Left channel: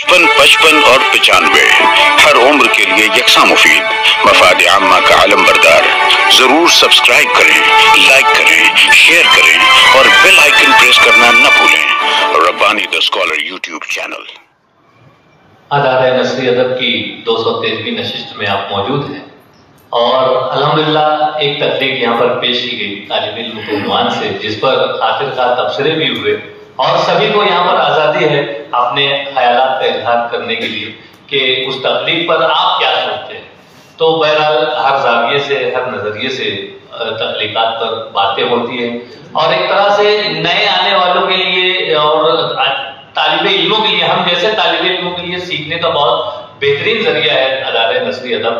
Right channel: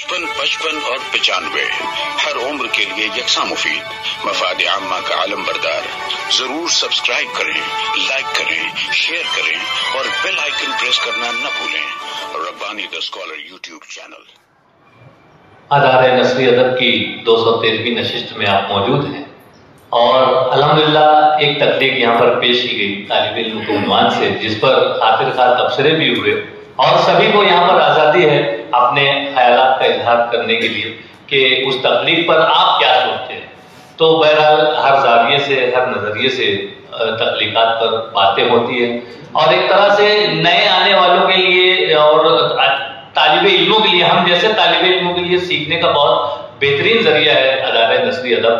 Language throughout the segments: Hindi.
55 और 95 हर उम्र के लिए यकसा मुफीद, मफाद आम्मा का आलम बरदार। जरूर सब्सक्राइब करें, लाइक करें, शेयर करें और बेल आइकन प्रेस करना न भूलें। Rabbani the scholar YouTube channel. अदारे नस्री अदब की 213वीं नशिस्त में आप मौजूद हैं और अल्हम्दुलिल्लाह एक तकलीफ यहाँ पर पेश की गई तालिब इल्म के उन्वान से, जिस पर आखिरकार तबसरे भी हुए और सभी को यहाँ पर आज़ादी है अपने ख्यालात का इजहार करने के लिए कि उस तकलीफ पर आप क्या सोचते हैं। तो बहरहाल हर जाविये से, हर नजरिए से तकलीकात पर बातें होती है और एक तरह से नए आने वालों के लिए और तालिब इल्मों के लिए, हम जैसे तालिब इल्मों के लिए सीखने का बहुत बेहतरीन जरिया है अदारे नस्री अदब।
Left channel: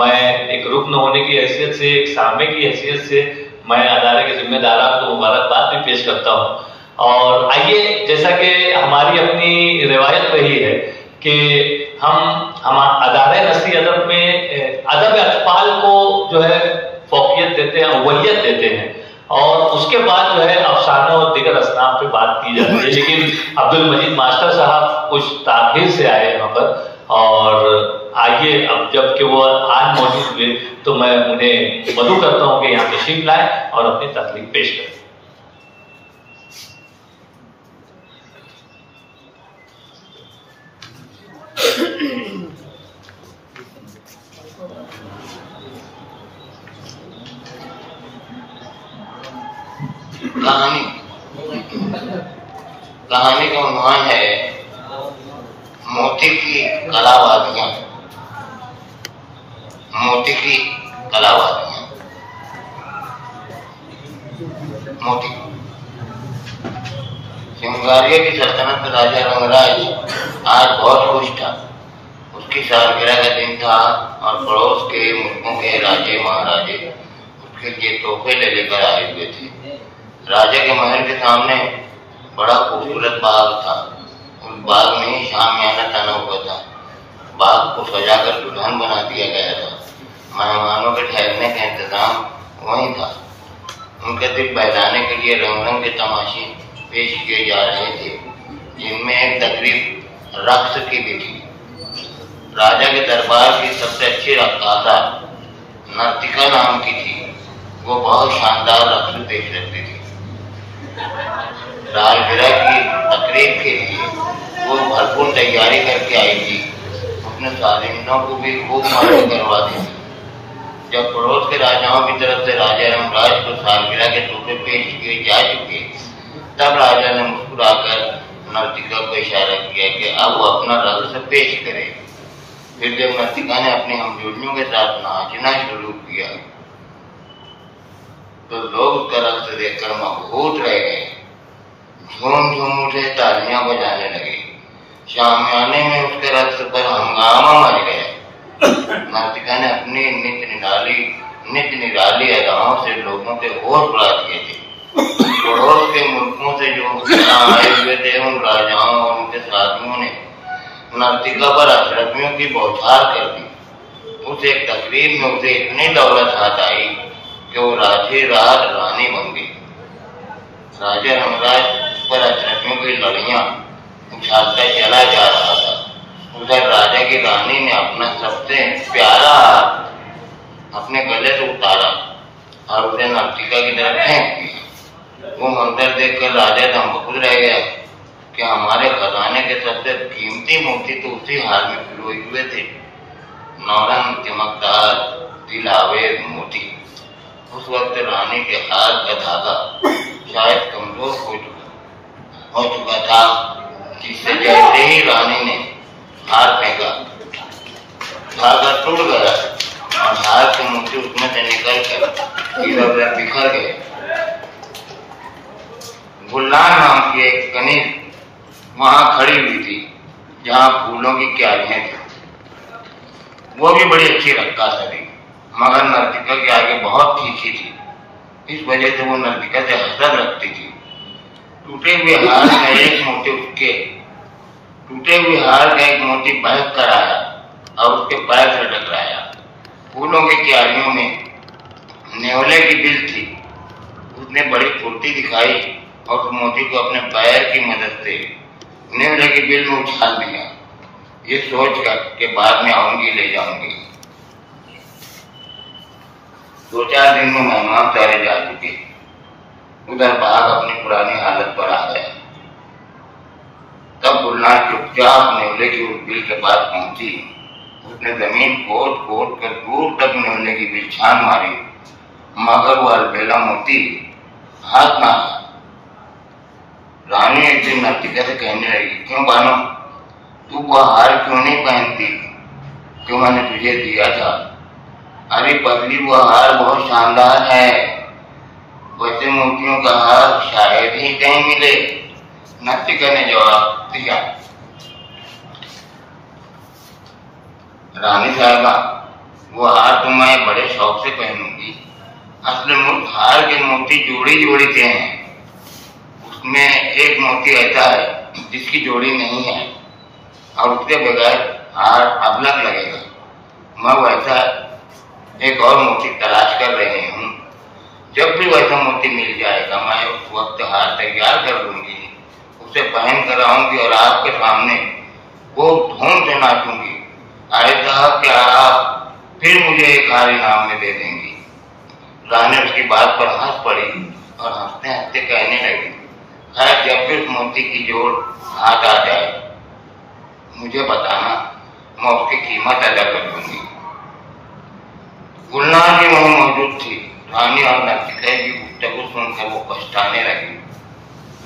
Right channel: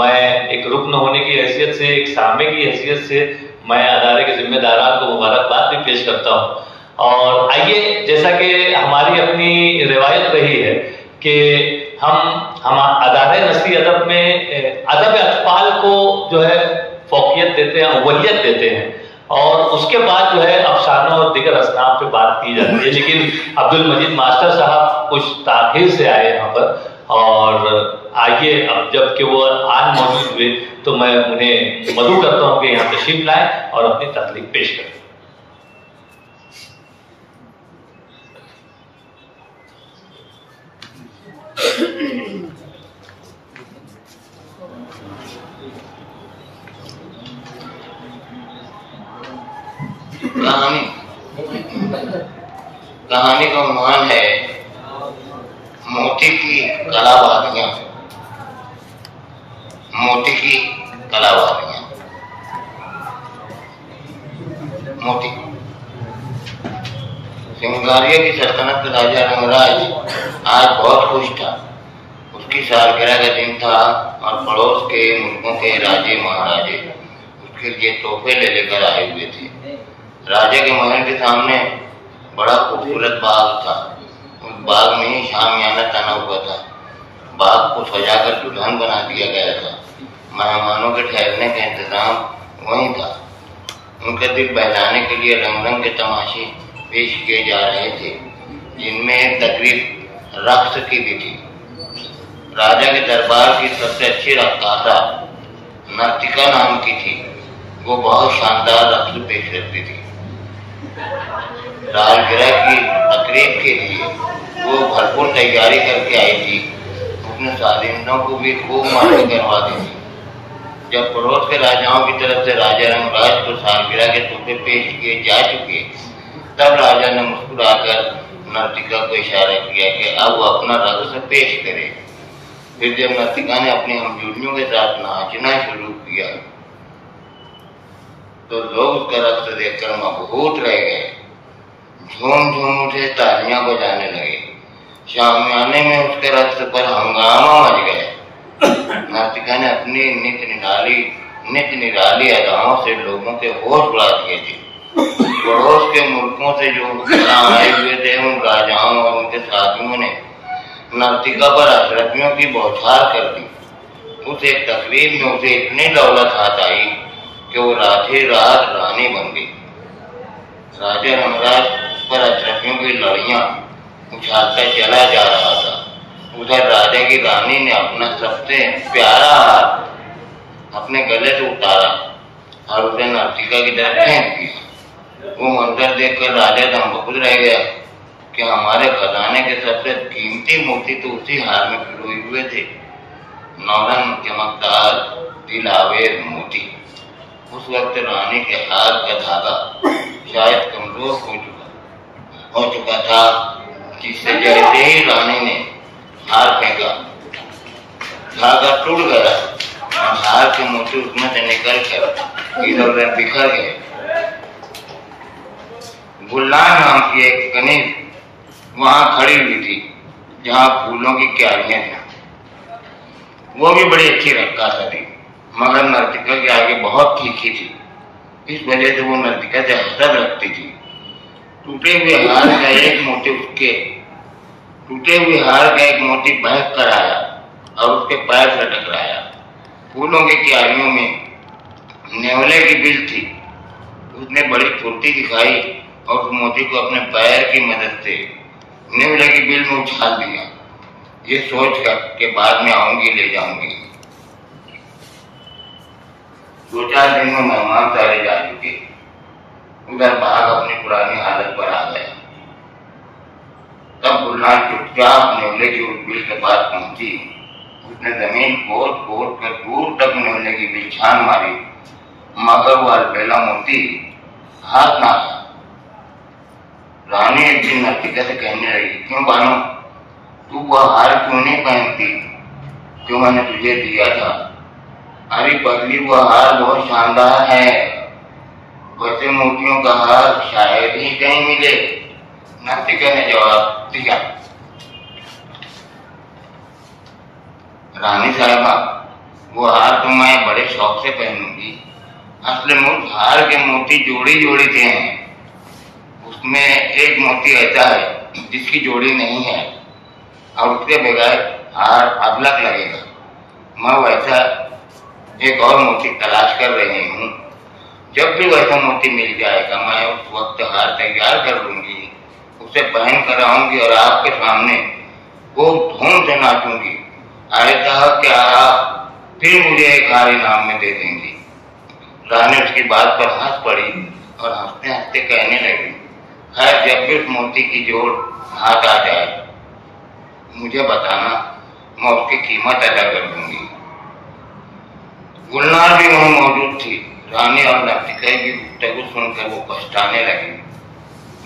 मैं एक रुकन होने की हैसियत से, एक सामे की हैसियत से मैं अदारे के जिम्मेदारान को मुबारकबाद भी पेश करता हूँ। और आइए, जैसा कि हमारी अपनी रिवायत रही है कि हम अदारे नस्री अदब में अदब अतफाल को जो है फौकियत देते हैं, अव्वलियत देते हैं और उसके बाद जो है अफसाना और दिगर असनाफ पे बात की जाती है। लेकिन अब्दुल मजीद मास्टर साहब कुछ ताखीर से आए यहाँ पर और आइए, अब जबकि वो आज मौजूद हुए तो मैं उन्हें मदऊ करता हूँ कि यहाँ तशरीफ लाए और अपनी तकलीफ पेश करें। कहानी का उन्वान है मोती की कलाबाजियां। मोती की कलाबाजियां। मोती सिंगारिया की सल्तनत का राजा रंगराज आज बहुत खुश था। उसकी सालगिरह का दिन था और पड़ोस के मुल्कों के राजे महाराजे उसके लिए तोहफे ले लेकर आए हुए थे। राजा के महल के सामने बड़ा खूबसूरत बाग था। उस बाग में शामियाना तना हुआ था। बाग को सजाकर दुल्हन बना दिया गया था। मेहमानों के ठहरने का इंतजाम वहीं था। उनका दिल बहलाने के लिए रंग रंग के तमाशे पेश किए जा रहे थे, जिनमें तकरीब रक्स की भी थी। राजा के दरबार की सबसे अच्छी रक्कासा नर्तिका नाम की थी। वो बहुत शानदार रक्स पेश करती थी। सालगिरह की तकरीब के लिए वो भरपूर तैयारी करके आई थी। उसने सालिंदों को भी खूब मालूम करवा दी थी। जब पड़ोस के राजाओं की तरफ से राजा रंगराज को सालगिरह के तोहफे पेश किए जा चुके, तब राजा ने मुस्कुराकर नर्तिका को इशारा किया कि अब वो अपना रक्स पेश करे। फिर जब नर्तिका ने अपनी हमजोलियों के साथ नाचना शुरू किया तो लोग उसका रक्स देखकर मबहूत रह गए। झूम झूम उठे, तालियां बजाने लगे। शामियाने में उसके रक्स पर हंगामा मच गया। नर्तिका ने अपनी नित निराली अदाओं से लोगों के होश उड़ा दिए थे। पड़ोस के मुल्कों से जो आए हुए थे, उन राजाओं और उनके साथियों ने नर्तिका पर अशरफियों की बौछार कर दी। उस एक तकरीब में उसे इतनी दौलत हाथ आई कि वो राधे रात रानी बन गई। राजा रंगराज पर अशरफियों की लड़ियां उछालता चला जा रहा था। उधर राजा की रानी ने अपना सबसे प्यारा हाथ अपने गले से उतारा और उसे नर्तिका की तरफ फेंक दिया। वो मंजर देखकर राजा दमबख्त रह गया कि हमारे खजाने के सबसे कीमती मोती तो उसी हार में पिरोए हुए थे। नौरंग चमकदार दिलावेर मोती। उस वक्त रानी के हाथ का धागा शायद कमजोर हो चुका था, जिससे जैसे ही रानी ने हार फेंका, धागा टूट गया और हार के मोती उसमें से निकल कर इधर उधर बिखर गए। गुल्लान नाम की एक कनीज वहां खड़ी हुई थी, जहां फूलों की क्यारियां थी। वो भी बड़ी अच्छी रक्कासा थी, मगर नर्तिका के आगे बहुत तीखी थी। इस वजह से वो नर्तिका से हसद रखती थी। टूटे हुए हार का एक मोती बहक कर आया और उसके पैर से टकराया। फूलों की क्यारियों में नेवले की बिल थी। उसने बड़ी फुर्ती दिखाई और उस मोती को अपने पैर की मदद से नेवले की बिल में उछाल दिया ये सोच कर के बाद में आऊंगी ले जाऊंगी। 2-4 दिन में मेहमान सारे जा चुके। उधर बाघ अपनी पुरानी हालत पर आ गया। तब गुलनार चुपचाप नेवले की उस बिल के पास पहुंची। उसने जमीन खोद खोद कर दूर तक नेवले की बिल छान मारी, मगर वह अलबेला मोती हाथ ना आया। रानी एक दिन नर्तिका से कहने लगी, क्यों बानो, तू वह हार क्यों नहीं पहनती जो मैंने तुझे दिया था? अरे पगली, वह हार बहुत शानदार है, वैसे मोतियों का हार शायद ही कहीं मिले। नर्तिका ने जवाब दिया, रानी साहबा, वो हार तो मैं बड़े शौक से पहनूंगी। असल में हार के मोती जोड़ी जोड़ी के हैं, उसमें एक मोती ऐसा है जिसकी जोड़ी नहीं है और उसके बगैर हार अबलग लगेगा। मैं वैसा एक और मोती तलाश कर रही हूँ। जब भी वैसा मोती मिल जाएगा मैं उस वक्त हार तैयार कर लूंगी, उसे पहन कर आऊंगी और आपके सामने वो धूम से नाचूंगी। ऐसा कि आप फिर मुझे एक हार इनाम में दे देंगी। रानी उसकी बात पर हंस पड़ी और हंसते हंसते कहने लगी, खैर जब भी उस मोती की जोड़ हाथ आ जाए मुझे बताना, मैं उसकी कीमत अदा कर दूंगी। गुलनार भी वहीं मौजूद थी। रानी और नर्तिका की गुफ्तगू सुनकर वो पछताने लगी।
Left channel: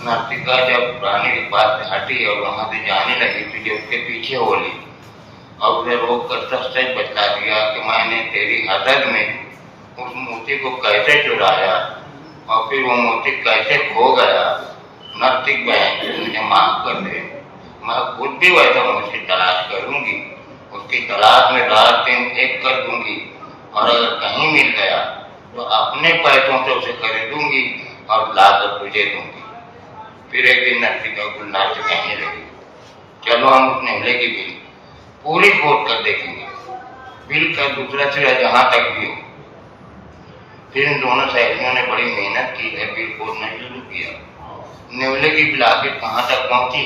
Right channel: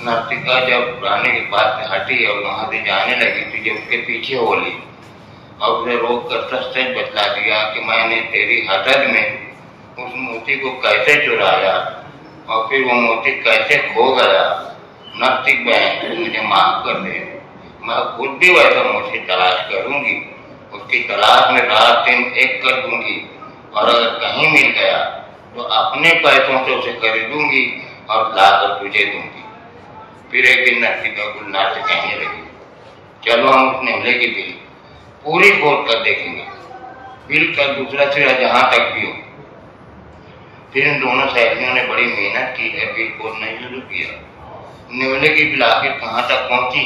नर्तिका जब रानी के पास से हटी और वहां से जाने लगी तो जब उसके पीछे हो ली और उसे रोक कर सच सच बतला दिया कि मैंने तेरी हसद में उस मोती को कैसे चुराया और फिर वो मोती कैसे खो गया। नर्तिक बहन, मुझे माफ कर दे, मैं खुद भी वैसा मोती तलाश करूंगी, उसकी तलाश में रात दिन एक कर दूंगी और अगर कहीं मिल गया तो अपने पैसों से उसे खरीदूंगी और लाकर तुझे दूंगी। फिर एक दिन नर्तिका गुलनार से कहने लगी, चलो हम उस नेवले की बिल पूरी खोद कर देखेंगे, बिल का दूसरा सिरा जहां तक भी हो। फिर इन दोनों सहेलियों ने बड़ी मेहनत की है, बिल खोदना शुरू किया। नेवले की बिल आखिर कहां तक पहुंची?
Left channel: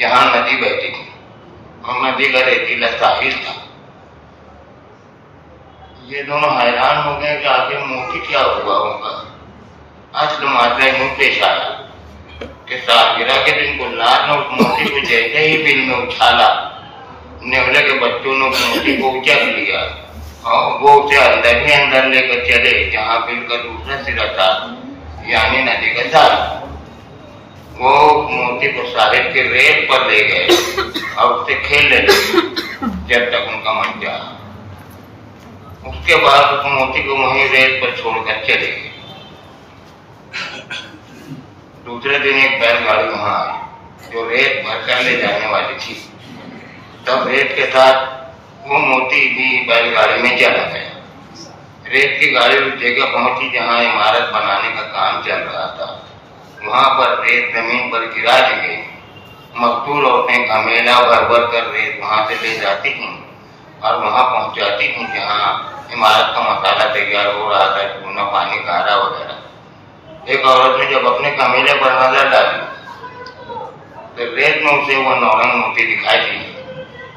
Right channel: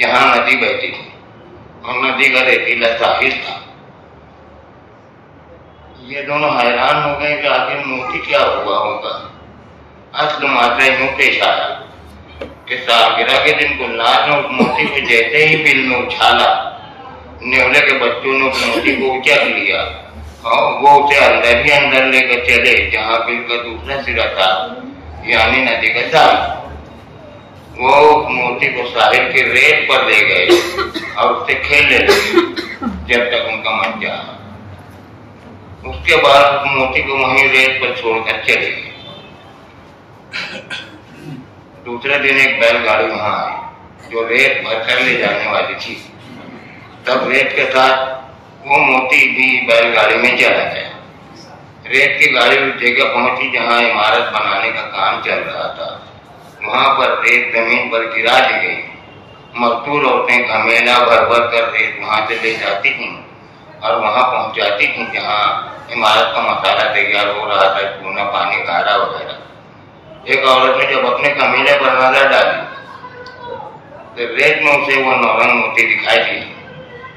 जहां नदी बहती थी और नदी का रेतीला साहिल था। ये दोनों हैरान हो गए कि आखिर मोती क्या हुआ होगा। असल मात्रा यूं पेश आया कि सालगिरह के दिन गुलनार ने उस मोती को जैसे ही बिल में उछाला, नेवले के बच्चों ने उस मोती को उचक लिया और वो उसे अंदर ही अंदर लेकर चले जहां बिल का दूसरा सिरा था, यानी नदी का साल। वो मोती को साहिल के रेत पर ले गए और उससे खेलने लगे जब तक उनका मन चाहा। उसके बाद उस मोती को वहीं रेत पर छोड़कर चले गए। दूसरे दिन एक बैलगाड़ी वहां आई जो रेत भरकर ले जाने वाली थी। तब रेत के साथ वो मोती भी बैलगाड़ी में चला गया। रेत की गाड़ी उस जगह पहुंची जहां इमारत बनाने का काम चल रहा था। वहां पर रेत जमीन पर गिरा दी गई। मजदूर औरतें घमेला भर भर कर रेत वहां से ले जाती थी और वहां पहुंचाती थी जहां इमारत का मसाला तैयार हो रहा था, चूना, पानी, गारा वगैरह। एक औरत ने जब अपने कमीले पर नजर डाली तो रेत में उसे वो नौरंग मोती दिखाई दी।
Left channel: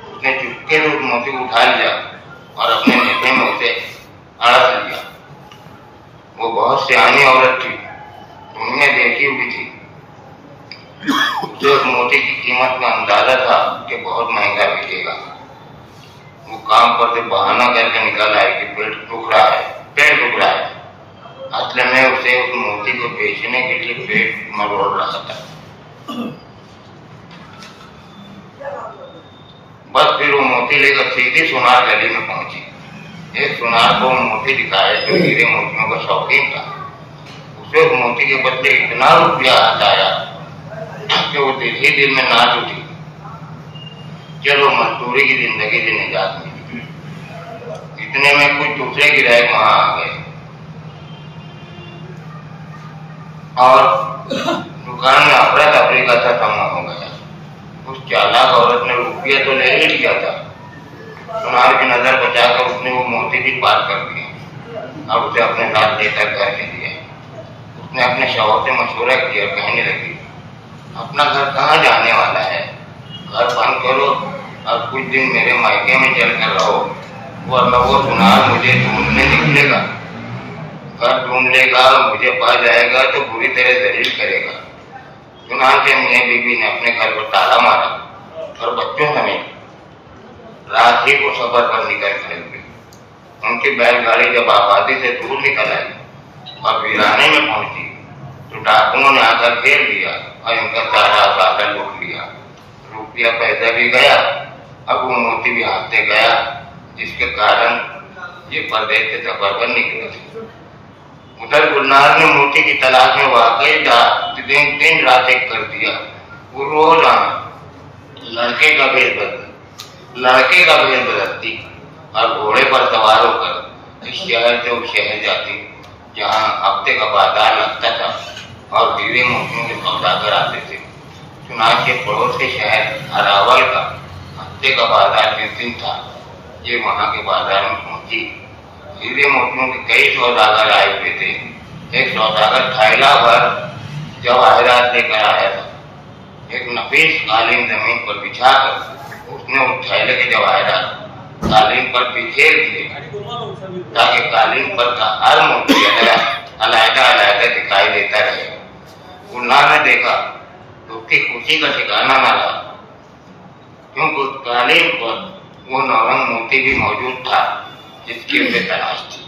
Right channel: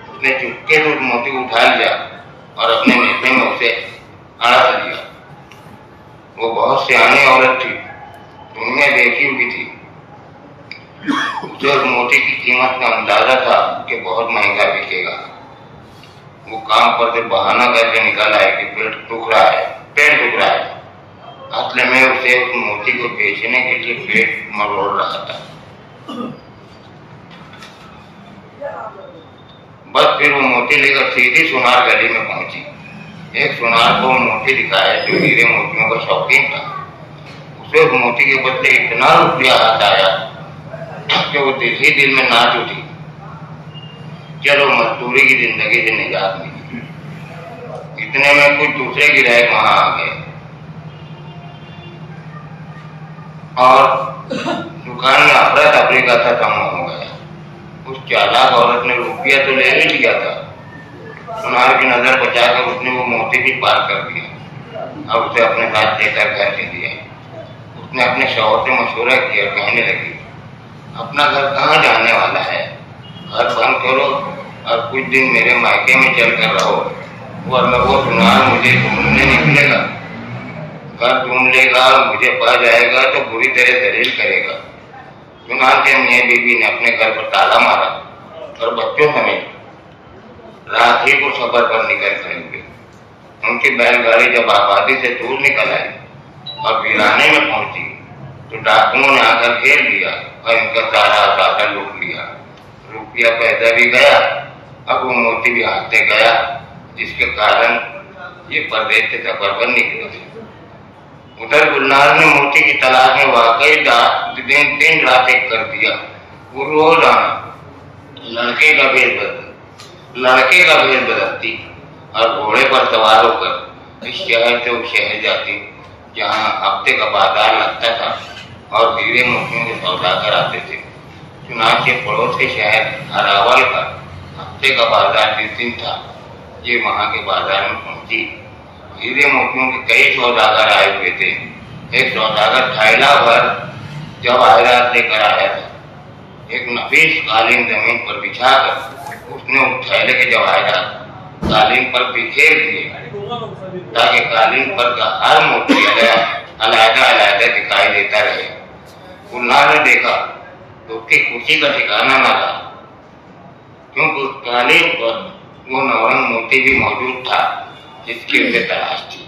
उसने चुपके से उस मोती को उठा लिया और अपने नेफे में उसे अड़क लिया। वो बहुत सियानी औरत थी, दुनिया देखी हुई थी। उसे उस मोती की कीमत का अंदाजा था कि बहुत महंगा बिकेगा। वो काम पर से बहाना करके निकल आए कि पेट दुख रहा है। असल में उसे उस मोती को बेचने के लिए पेट मरोड़ रहा था। बस फिर वो मोती लेकर सीधी सुनार गली में पहुंची। एक सुनार को मोती दिखाया जो हीरे मोतियों का शौकीन था। उसे उस मोती के बदले इतना रुपया हाथ आया कि वो दिल ही दिल में नाच उठी। चलो मजदूरी की जिंदगी से निजात मिली। इतने में कुछ दूसरे गिराहक वहां आ गए और दुकान में अफरा तफरी का खत्म हो गया। उस चालाक औरत ने रुपया तो ले ही लिया था। सुनार की नजर बचाकर उसने वो मोती भी पार कर दिया और उसे अपने साथ लेकर घर ले लिया। उसने अपने शौहर से मशवरा किया और कहने लगी, अपना घर कहाँ जाने वाला है? घर बंद करो और कुछ दिन मेरे मायके में चल कर रहो, वरना वो सुनार मुझे ढूंढने निकलेगा। घर ढूंढ लेगा, मुझे पा जाएगा तो बुरी तरह दलील करेगा। सुनार के मियां बीवी ने अपने घर पर ताला मारा और बच्चों समेत रात ही को सफर पर निकल खड़े हुए। उनकी बैलगाड़ी जब आबादी से दूर निकल आई और वीराने में पहुंची तो डाकुओं ने आकर घेर लिया और इनका सारा साधन लूट लिया। रुपया पैसा भी गया, अब वो मोती भी हाथ से गया, जिसके कारण ये परदेश से सफर पर निकले। उधर गुलनार ने मोती की तलाश में वाकई दिन रात एक कर दिया। वो रोज आना, लड़के का भेद बदलती और घोड़े पर सवार होकर इस शहर से उस शहर जाती जहाँ हफ्ते का बाजार लगता था और हीरे मोतियों के सौदागर आते थे। चुनाव के पड़ोस के शहर अरावल का हफ्ते का बाजार जिस दिन था, ये वहाँ के बाजार में पहुंची। हीरे मोतियों के कई सौदागर आए हुए थे। एक सौदागर थैला भर जवाहरात लेकर आया था। एक नफीस कालीन जमीन पर बिछाकर उसने उस थैले के जवाहरात कालीन पर बिखेर दिए ताकि कालीन पर का हर मोती अलग-अलग दिखाई देता रहे। गुलनार ने देखा तो उसकी खुशी का ठिकाना न रहा, क्योंकि उस कालीन पर वो नौरंग मोती भी मौजूद था जिसकी उसे तलाश थी।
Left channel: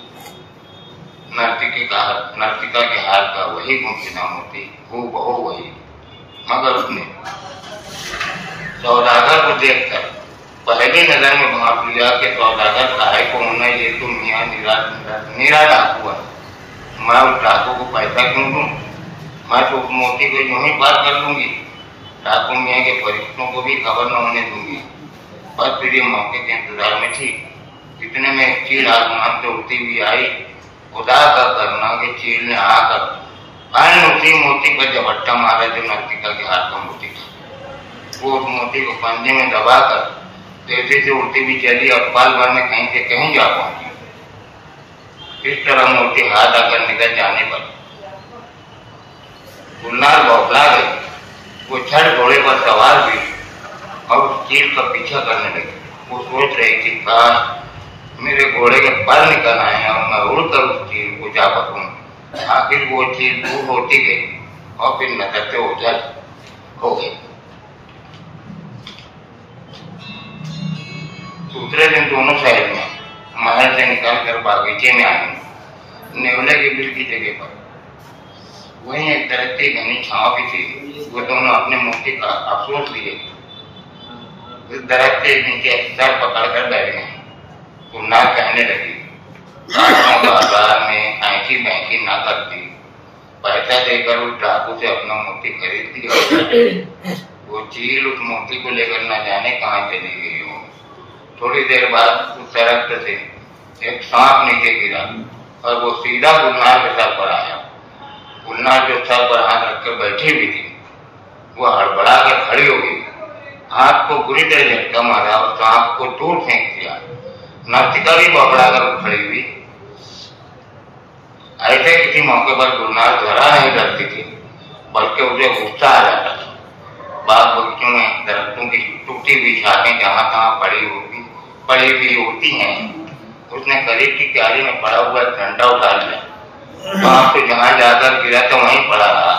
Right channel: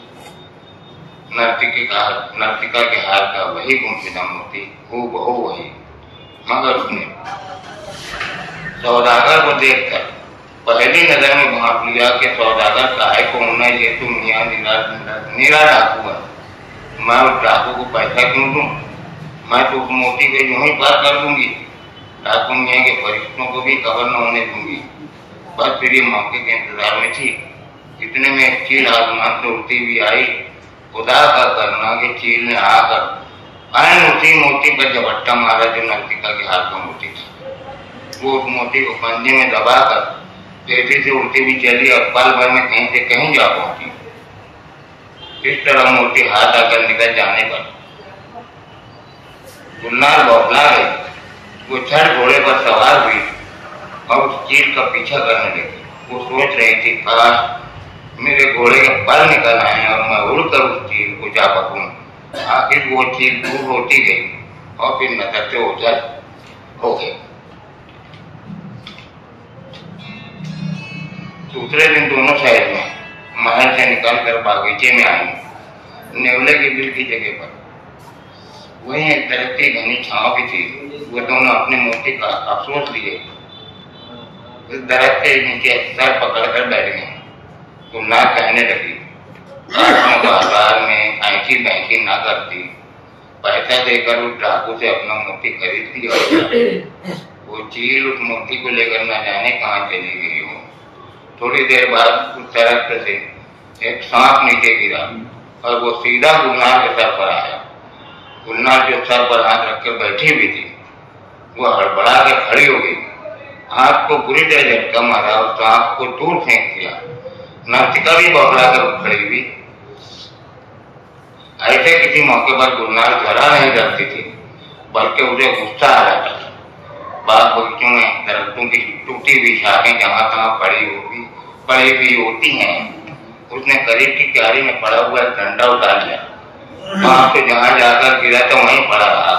नर्तिका के हाथ का वही गुमशुदा मोती, हूबहू वही, मगर उसने सौदागर को देखकर पहली नजर में भाप लिया कि सौदागर काहे को होना, ये तो मियां नीरा डाकू है। मैं उस डाकू को पैसा क्यों दूं? मैं तो उस मोती को यूं ही पार कर दूंगी। डाकू मियां के फरिश्तों को भी खबर न होने दूंगी। बस फिर ये मौके के इंतजार में थी। इतने में एक चील आसमान से उड़ती हुई आई। खुदा का करना कि चील ने आकर उसी मोती पर झपट्टा मारा जो नर्तिका के हाथ में मोती था। वो उस मोती को पंजे में दबाकर तेजी से उड़ती हुई चली और पल भर में कहीं से कहीं जा पहुंची। इस तरह मोती हाथ आकर निकल जाने पर गुलनार बौखला गई। वो छड़ घोड़े पर सवार हुई और उस चील का पीछा करने लगी। वो सोच रही थी, काश मेरे घोड़े के पर निकल आए और मैं उड़कर उस चील को जा पकूं। आखिर वो चील दूर होती गई और फिर नजर से ओझल हो गई। दूसरे दिन दोनों शहर में महल से निकलकर बागीचे में आई। नेवले की बिल की जगह पर वहीं एक दरख्त की घनी छांव भी थी। वो दोनों अपने मोती का अफसोस लिए इस दरख्त के नीचे सर पकड़कर बैठ गए। गुलनार कहने लगी, बाजार में ऐसी बैंकी ना करती, पैसा देकर उस डाकू से अपना मोती खरीद लिया। वो चील उस मोती को लेकर न जाने कहाँ चली गई हो। थोड़ी देर बाद उस दरख्त से एक सांप नीचे गिरा और वो सीधा गुलनार के सर पर आया। गुलनार जो सर पर हाथ रखकर बैठी हुई थी, वो हड़बड़ा के खड़ी हो गई। हाथ को बुरी तरह झटका मारा और सांप को दूर फेंक दिया। नर्तिका भी बौखला कर खड़ी हुई। ऐसे किसी मौके पर गुलनार जरा नहीं डरती थी, बल्कि उसे गुस्सा आ जाता था। बाग बगीचों में दरख्तों की टूटी हुई शाखें जहां तहां पड़ी हुई होती हैं, उसने करीब की क्यारी में पड़ा हुआ एक डंडा उठा लिया। वहां से जहां जाकर गिरा तो वहीं पड़ा रहा।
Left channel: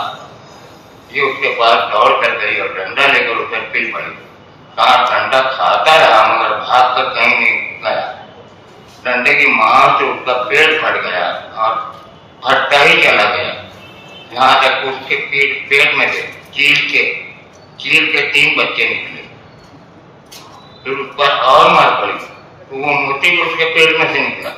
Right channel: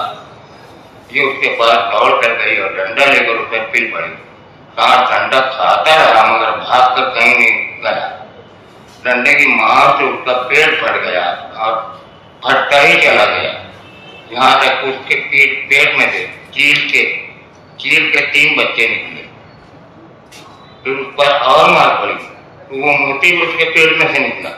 ये उसके पास दौड़ कर गई और डंडा लेकर उसे पिल पड़ी। सांप डंडा खाता रहा मगर भाग कर कहीं नहीं गया। डंडे की मार से उसका पेट फट गया और फटता ही चला गया, यहाँ तक उसके पेट में से चील के 3 बच्चे निकले। फिर उस पर और मार पड़ी तो वो मोती भी उसके पेट में से निकला।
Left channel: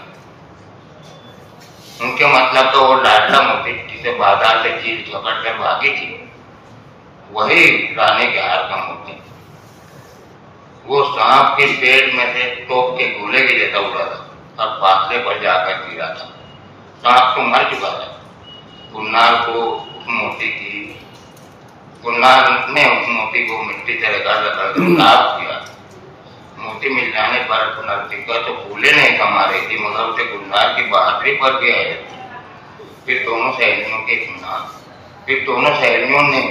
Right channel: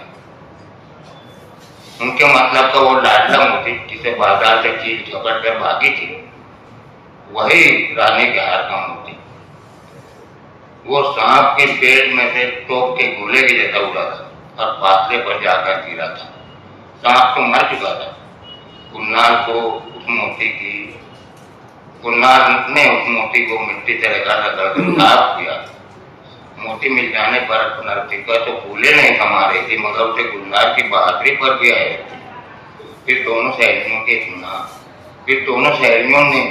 उनके मतलब तो वो लाडला मोती जिसे बाजार से चील झपट कर भागी थी, वही रानी के हार का मोती। वो सांप के पेट में से टोप के गोले के जैसा उड़ा था और फासले पर जाकर गिरा था। सांप तो मर चुका था। गुलनार ने उस मोती को मिट्टी से रगड़ साफ किया। मोती मिल जाने पर नर्तिका तो फूले नहीं समा रही थी, मगर उसे गुलनार की बहादुरी पर भी आए थे। फिर दोनों सहेलियों ने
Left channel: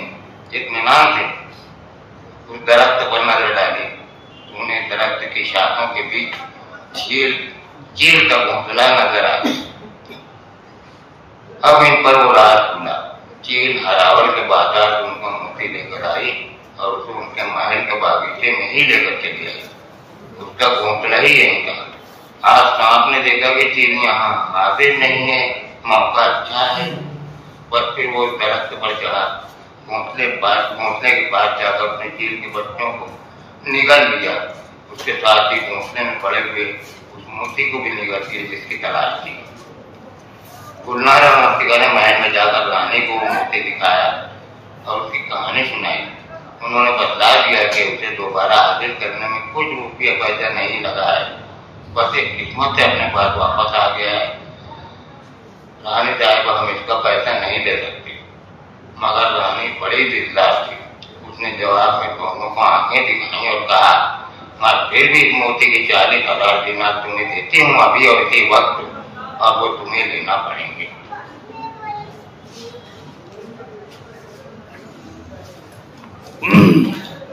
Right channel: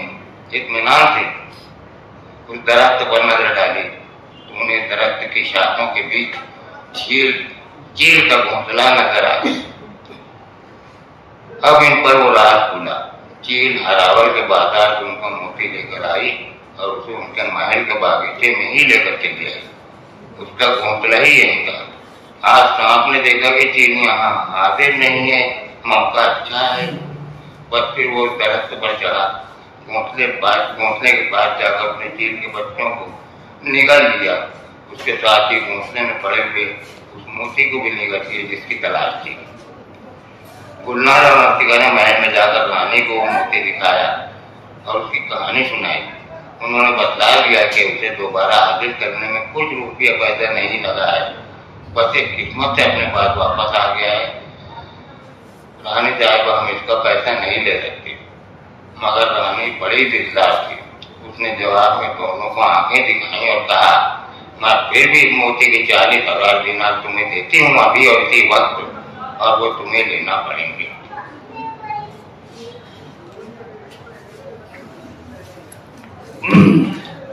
इत्मीनान से उस दरख्त पर नजर डाली। उन्हें दरख्त की शाखों के बीच चील का घोंसला नजर आ गया। अब इन पर वो राज खुला। चील हरावल के बाजार से उनका मोती लेकर आई और उसे उनके महल के बागीचे में ही लेकर चली आई। उसका घोंसला ही यहीं था। आज सांप ने देखा कि चील यहाँ हाजिर नहीं है, मौका अच्छा है। पर फिर वो दरख्त पर चढ़ा, घोंसले के पास जाकर अपने चील के बच्चों को निगल लिया। उसके साथ ही घोंसले में पड़े हुए उस मोती को भी निगल लिया जिसकी तलाश थी। गुलनार और मस्तिका ने महल में जाकर रानी को मोती दिखाया और उसकी कहानी सुनाई। उन्होंने बतला दिया कि उसे दोबारा हासिल करने में कुछ रुपया पैसा नहीं लगा है, बस एक हिकमत से अपने पास वापस आ गया है। रानी साहब हम इसका पैसा नहीं ले सकते। मगर रानी बड़ी दिलदार थी। उसने जवाब में दोनों को आंखें दिखाई और कहा, मैं फिर भी मोती की 40,000 दिनार तुम्हें देती हूँ अभी और इसी वक्त, और वो तुम्हें लेना पड़ेंगे।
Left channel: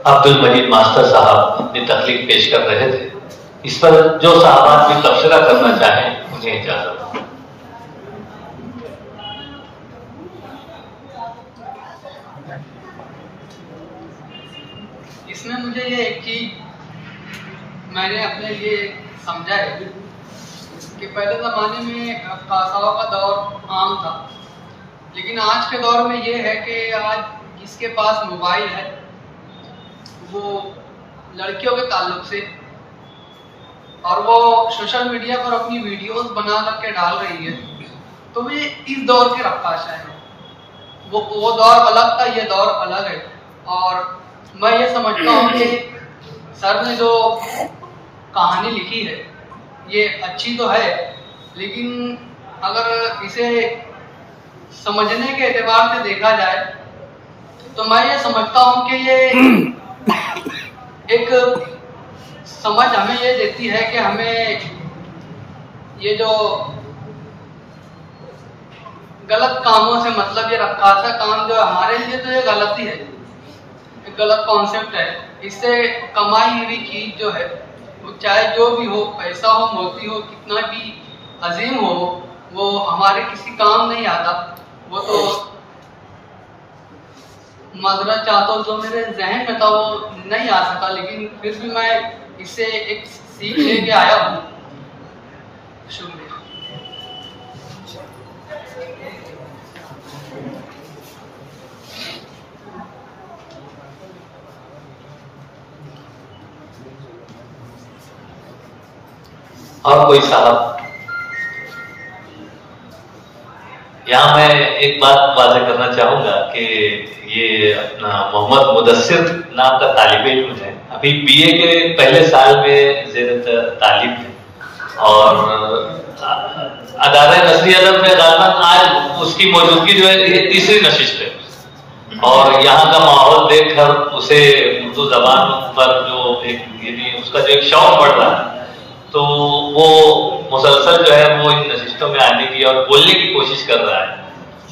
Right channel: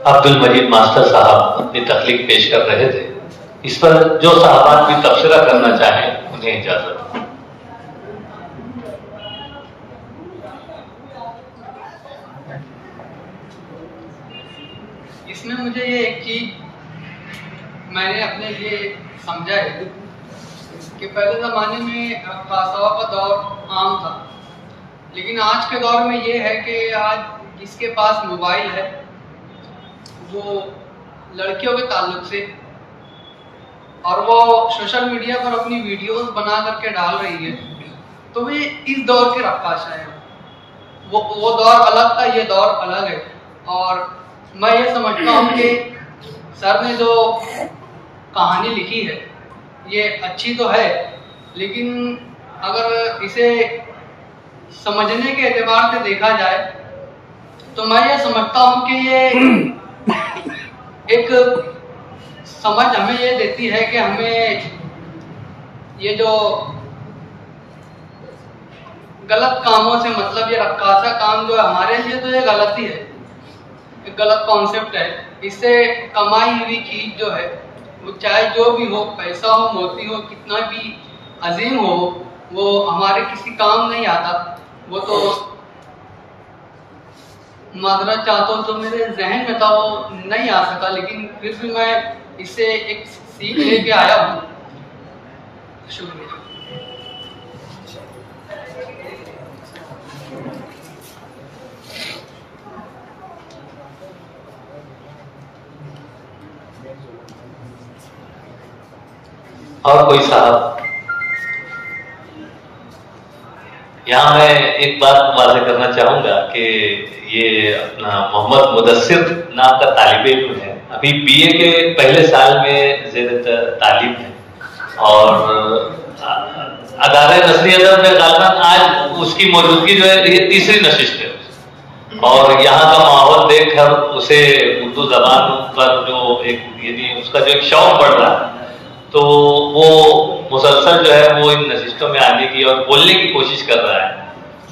अब्दुल मजीद मास्टर साहब अपनी तकलीफ पेश कर रहे थे। इस पर जो साहबान भी तबसरा करना चाहें उन्हें इजाजत। इसमें मुझे ये एक चीज मैंने अपने लिए समझा है कि पहले ज़माने में रक्कासाओं का दौर आम था, लेकिन आज के दौर में ये है कि आज जिसके पास मोबाइल है वो लड़कियों के ताल्लुक से और वो सोशल मीडिया पर अपनी वीडियोस बना करके डाल रही है, तो वे इस दौर के रक्काशा है। वो दौर अलग था, ये दौर अलग है। और मैं ये समझता हूँ कि सर ने जो कहानी लिखी है ये अच्छी तो है, लेकिन अगर इसे समझने के एतबार से देखा जाए तो मैं ये समझता हूँ कि ये एक समझ हमें ये देती है कि हमें ये जो गलत कामों से मतलब ये रक्कासा काम जो है हमारे लिए तो ये गलती है, एक गलत कॉन्सेप्ट है। इससे कमाई हुई चीज जो है वो चाहे जो भी हो, पैसा हो, मोती हो, कितना भी अजीम हो, वो हमारे किसी काम नहीं आता। वो तो माजरत चाहता हूँ तो मेरे जहन में था वो नहीं आ सका, लेकिन फिर भी मैं इससे एक सीख लेके आया हूँ। शुक्रिया। और कोई साहब? यहाँ मैं एक बात वाज़ेह करना चाहूंगा कि ये अपना मोहम्मद मुदस्सिर नाम का तालिब इल्म है, अभी बीए के पहले साल में ज़ेर तालीम है और अदारे नसरी अदब में गालिबन आज उसकी मौजूदगी जो है ये तीसरी नशिस्त है और यहाँ का माहौल देखकर उसे उर्दू जबान पर जो एक यदि उसका जो एक शौक बढ़ रहा है तो वो मुसलसल जो है वो इन नशिस्तों में आने की और बोलने की कोशिश कर रहा है।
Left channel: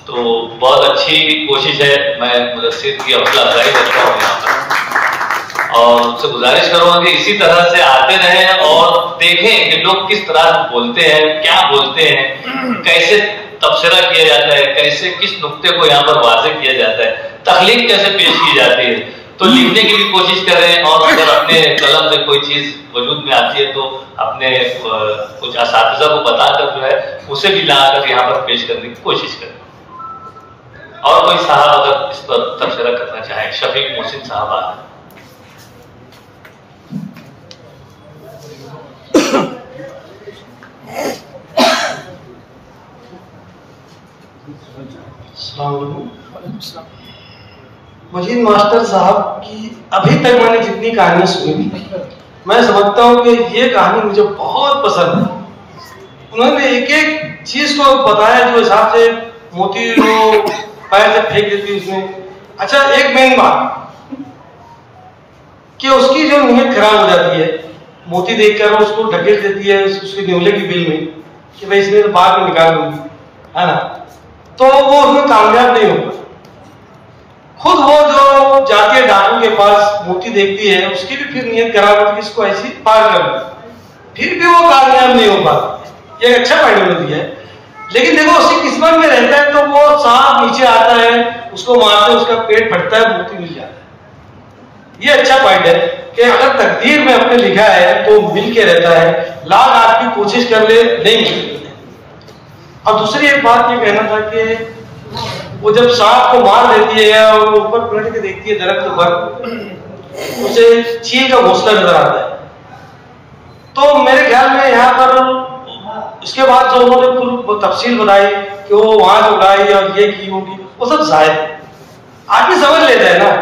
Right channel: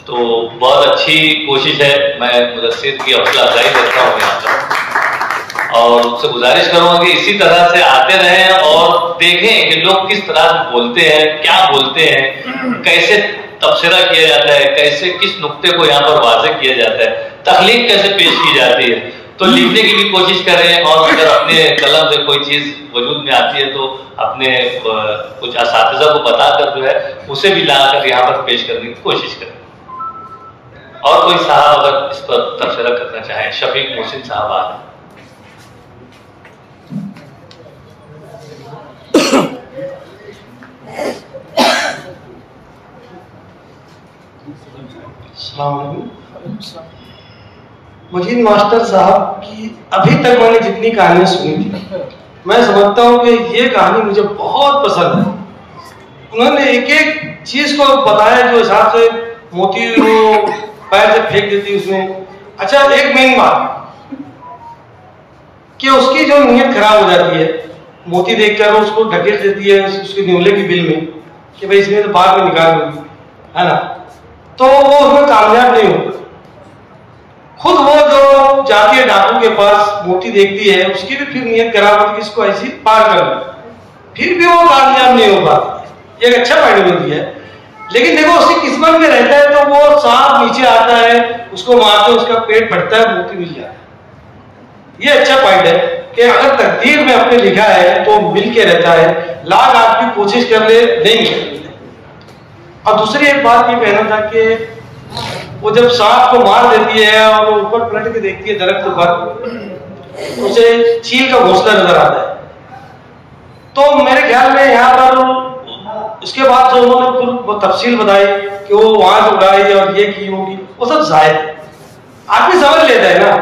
तो बहुत अच्छी कोशिश है, मैं मुदस्सिर की हौसला अफजाई करता हूँ यहाँ पर और उससे गुजारिश करूँगा कि इसी तरह से आते रहें और देखें कि लोग किस तरह बोलते हैं, क्या बोलते हैं, कैसे तबसरा किया जाता है, कैसे किस नुक्ते को यहाँ पर वाज़ेह किया जाता है, तख्लीक कैसे पेश की जाती है। तो लिखने की भी कोशिश करें और अगर अपने कलम से कोई चीज वजूद में आती है तो अपने कुछ असातिज़ा को बताकर जो है उसे भी लाकर यहाँ पर पेश करने की कोशिश करें। और कोई साहब अगर इस पर तबसरा करना चाहे, शफीक मोहसिन साहब आ मजीद मास्टर साहब की अभी तक मैंने जितनी कहानियां सुनी मैं समझता हूँ कि ये कहानी मुझे बहुत पसंद है। उन्होंने एक एक चीज को बताया जो हिसाब से मोती वो पैर से फेंक देती उसमें। अच्छा, एक मेन बात कि उसकी जो नीयत खराब हो जाती है, मोती देखकर उसको ढकेल देती है उसके न्योले की बिल में कि भाई इसमें तो बाद में निकाल दूंगी, है ना, तो वो उसमें कामयाब नहीं होता। खुद वो जो जाती है डॉक्टर के पास, मूर्ति देखती है, उसकी भी फिर नियत खराब होती है इसको ऐसी पार कर, फिर भी वो कामयाब नहीं हो पाती। ये अच्छा आइडियोलॉजी है। लेकिन देखो उसकी किस्मत में रहता है तो वो सांप नीचे आता है, उसको मारते उसका पेट फटता है, मूर्ति मिल जाता है। ये अच्छा पॉइंट है कि अगर तकदीर में अपने लिखा है तो मिल के रहता है, लाख आदमी कोशिश कर ले नहीं मिलता। अब दूसरी एक बात ये कहना था कि वो जब सांप को मार देती है और ऊपर पलट के देखती है दरख्त पर, उसे चील का घोंसला नजर आता है। तो मेरे ख्याल में यहाँ पर उसके बाद जो उन्होंने तफसील बताई कि वो वहां जो गाय और ये की होगी, वो सब जायद आदमी समझ लेता है ना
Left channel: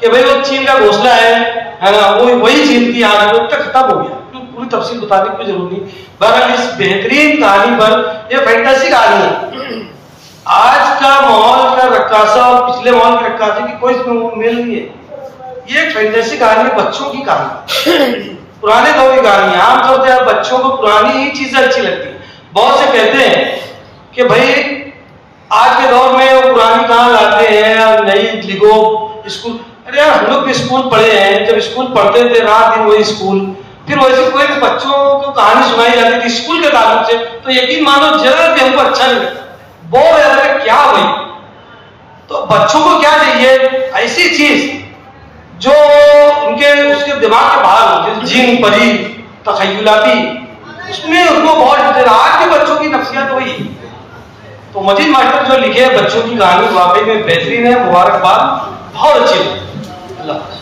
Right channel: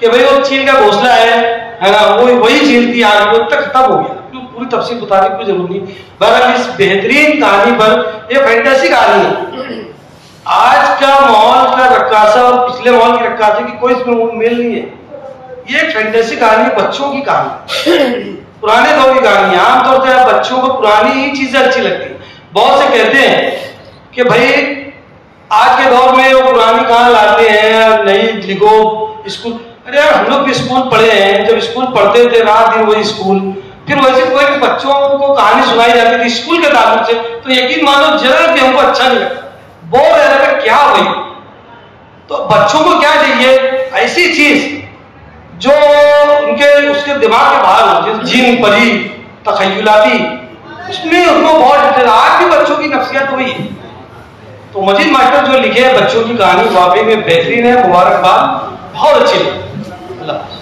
कि भाई वो चील का घोंसला है ना, वो वही चील की आग वो तक खत्म हो गया। पूरी तफसील बताने की कोई जरूरत नहीं। बहरहाल इस बेहतरीन कहानी पर, यह फैंटेसी कहानी है, आज का माहौल का रक्कासा और पिछले माहौल की रक्कासे की कोई इसमें मेल नहीं है। ये एक फैंटेसी कहानी है, बच्चों की कहानी, पुराने दौर की कहानी। आमतौर पर बच्चों को पुरानी ही चीजें अच्छी लगती है। बहुत से कहते हैं कि भाई आज के दौर में वो पुरानी कहां लाते हैं और नई लिखो स्कूल। अरे यार हम लोग भी स्कूल पढ़े हैं, जब स्कूल पढ़ते थे रात दिन वही स्कूल, फिर वैसे कोई भी बच्चों को कहानी सुनाई जाती थी स्कूल के ताल्लुक से, तो यकीन मानो जरा भी हमको अच्छा नहीं लगता, बोर है क्या हुई। तो बच्चों को क्या चाहिए, ऐसी चीज जो उनके उसके दिमाग के बाहर हो, जैसे जिन परी तखय्युलाती, उसमें उनको बहुत इंटरेस्ट। आज भी बच्चों की नफ्सियात वही है। तो मजीद मास्टर जो लिखे हैं बच्चों की कहानी वाकई में बेहतरीन है, मुबारकबाद, बहुत अच्छी है। अल्लाह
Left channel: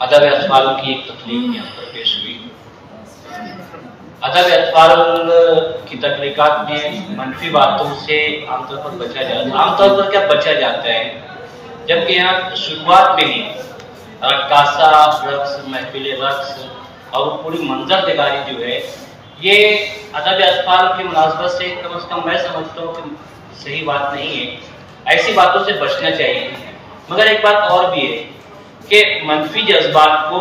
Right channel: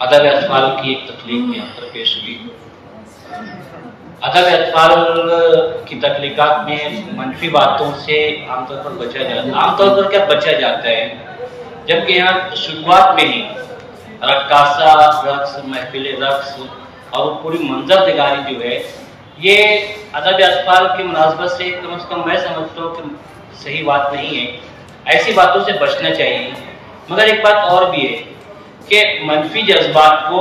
अदद अतफाल की एक तख्लीक यहाँ पर पेश हुई। अदद अतफाल की तख्लीकात में मनफी बातों से आमतौर पर बचा जाता है। आमतौर पर क्या बचा जाता है, जबकि यहाँ शुरुआत में ही रक्कासा, रक्स, महफिल रक्स और पूरी मंजर निगारी जो है, ये अदद अतफाल की मुनासबत से कम मैं समझता हूँ कि सही बात नहीं है। ऐसी बातों से बचना चाहिए। मगर एक बात और भी है कि मनफी जज्बात को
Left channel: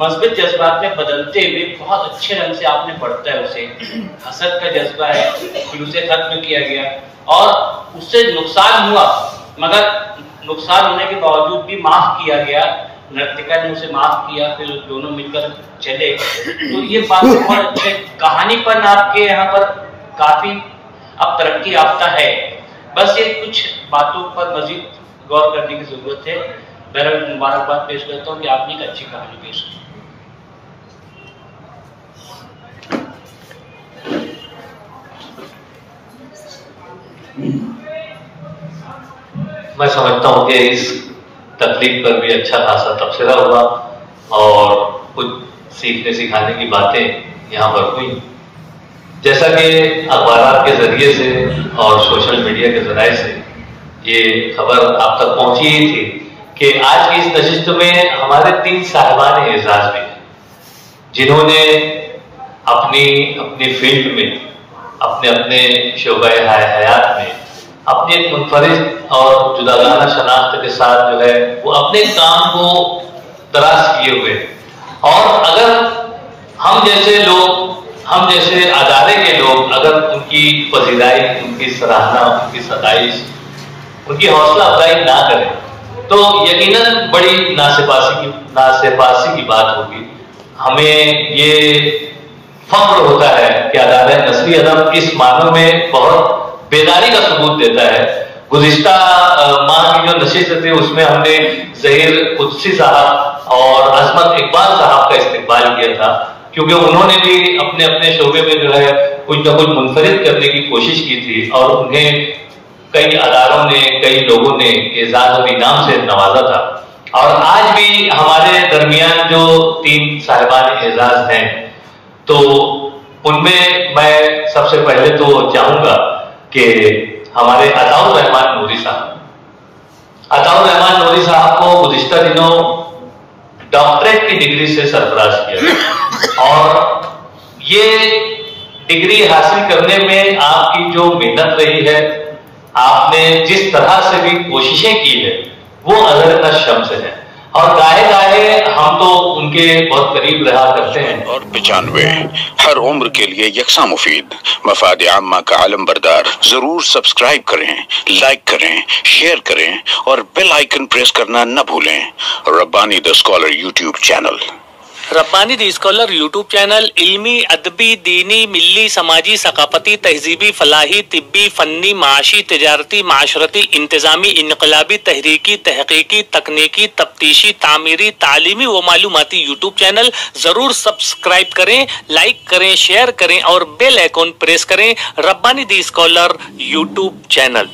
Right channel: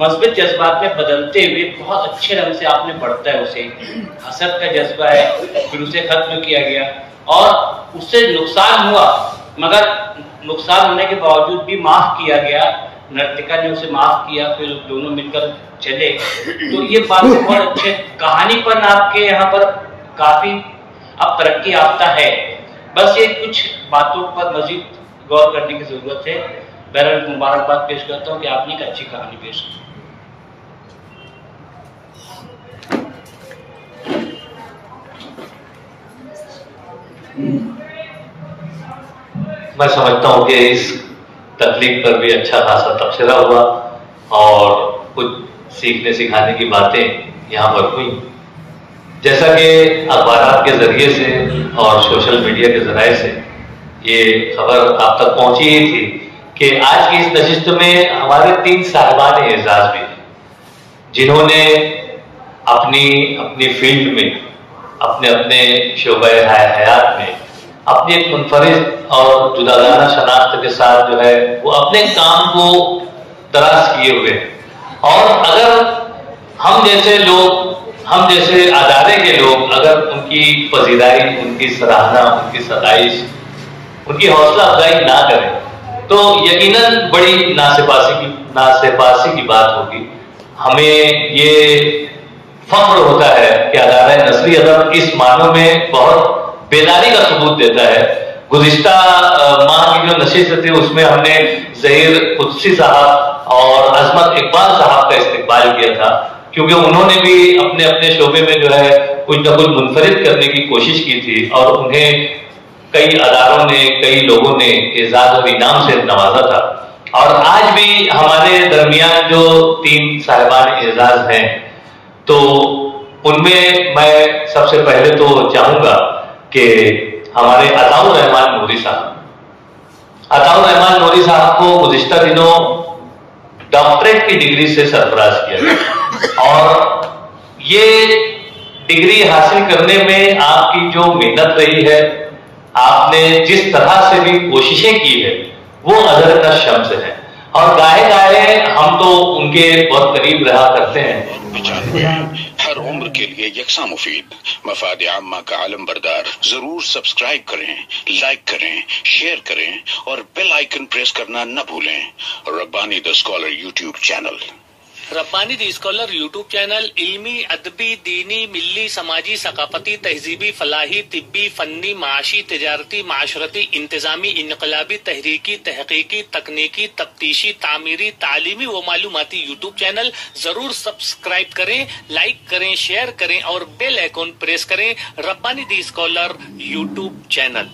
मस्बित जज्बात में बदलते हुए बहुत अच्छे रंग से आपने पढ़ता है। उसे हसद का जज्बा है, फिर उसे खत्म किया गया और उससे नुकसान हुआ, मगर नुकसान होने के बावजूद भी माफ किया गया। नर्तिका ने उसे माफ किया, फिर दोनों मिलकर चले। तो ये बात बहुत अच्छे कहानी पर आपके यहाँ पर काफी अब तरक्की याफ्ता है। बस ये कुछ बातों पर मजीद गौर करने की जरूरत है। बहरहाल मुबारकबाद पेश करता हूँ कि आपने एक अच्छी कहानी पेश की। मैं समझता हूँ कि इस तकलीफ पर भी अच्छा खासा तबसरा हुआ और कुछ सीखने सिखाने की बातें यहाँ पर हुई। जैसा कि अखबार के जरिए से और सोशल मीडिया के जरिए से ये खबर आप तक पहुंची ही थी कि आज की इस नशिस्त में हमारे 3 साहिबान एजाज भी हैं, जिन्होंने अपनी अपनी फील्ड में, अपने अपने शोबे हयात में अपनी एक मुनफरिद और जुदागाना शनाख्त के साथ जो है वो अपने काम को दराज किए हुए हैं। और अगर हम जैसे लोग, हम जैसे अदारे के लोग अगर उनकी पजीराई, उनकी सराहना, उनकी सताइश, उनकी हौसला अफजाई ना करें तो यकीनन बड़ी नासेपासी की बात होगी। हमें ये फख्र होता है कि अदारे नस्री अदब इस मानों में बहुत बेदारी का सबूत देता है। गुज़िश्ता माह की जो नशिस्त थी उसमें हमने ज़हीर कुद्सी साहब और अजमत इकबाल साहब का इस्तेमाल किया था, क्योंकि उन्होंने भी अपने अपने शोबे में जो है कुछ न कुछ मुनफरिद करने की कोशिश की थी और उन्हें कई अदारों ने, कई लोगों ने एजाज और इनाम से नवाजा था। और आज भी हमारे दरमियान जो 3 साहिबान एजाज हैं, तो उनमें मैं सबसे पहले तो चाहूंगा कि हमारे अताउर रहमान नूरी साहब, अताउर रहमान नूरी साहब को गुज़िश्ता दिनों डॉक्टरेट की डिग्री से सरफराज किया और ये डिग्री हासिल करने में आपकी जो मेहनत रही है, आपने जिस तरह से भी कोशिशें की है, वो हजरत शम्स है और गाहे गाहे हम तो उनके बहुत करीब रहा करते हैं। और 95 हर उम्र के लिए यकसा मुफीद मफाद आम्मा का आलम बरदार। जरूर सब्सक्राइब करें, लाइक करें, शेयर करें और बेल आइकन प्रेस करना न भूलें। Rabbani the scholar YouTube channel. Rabbani the scholar YouTube channel इल्मी, अदबी, दीनी, मिल्ली, समाजी, सकाफती, तहजीबी, फलाही, तिब्बी, फन्नी, माशी, तिजारती, माशरती, इंतजामी, इनकलाबी, तहरीकी, तहकीकी, तकनीकी, तफ्तीशी, तामीरी, तालीमी व मालूमाती यूट्यूब चैनल। जरूर सब्सक्राइब करें, लाइक करें, शेयर करें और बेल आइकॉन प्रेस करें। Rabbani the scholar YouTube channel.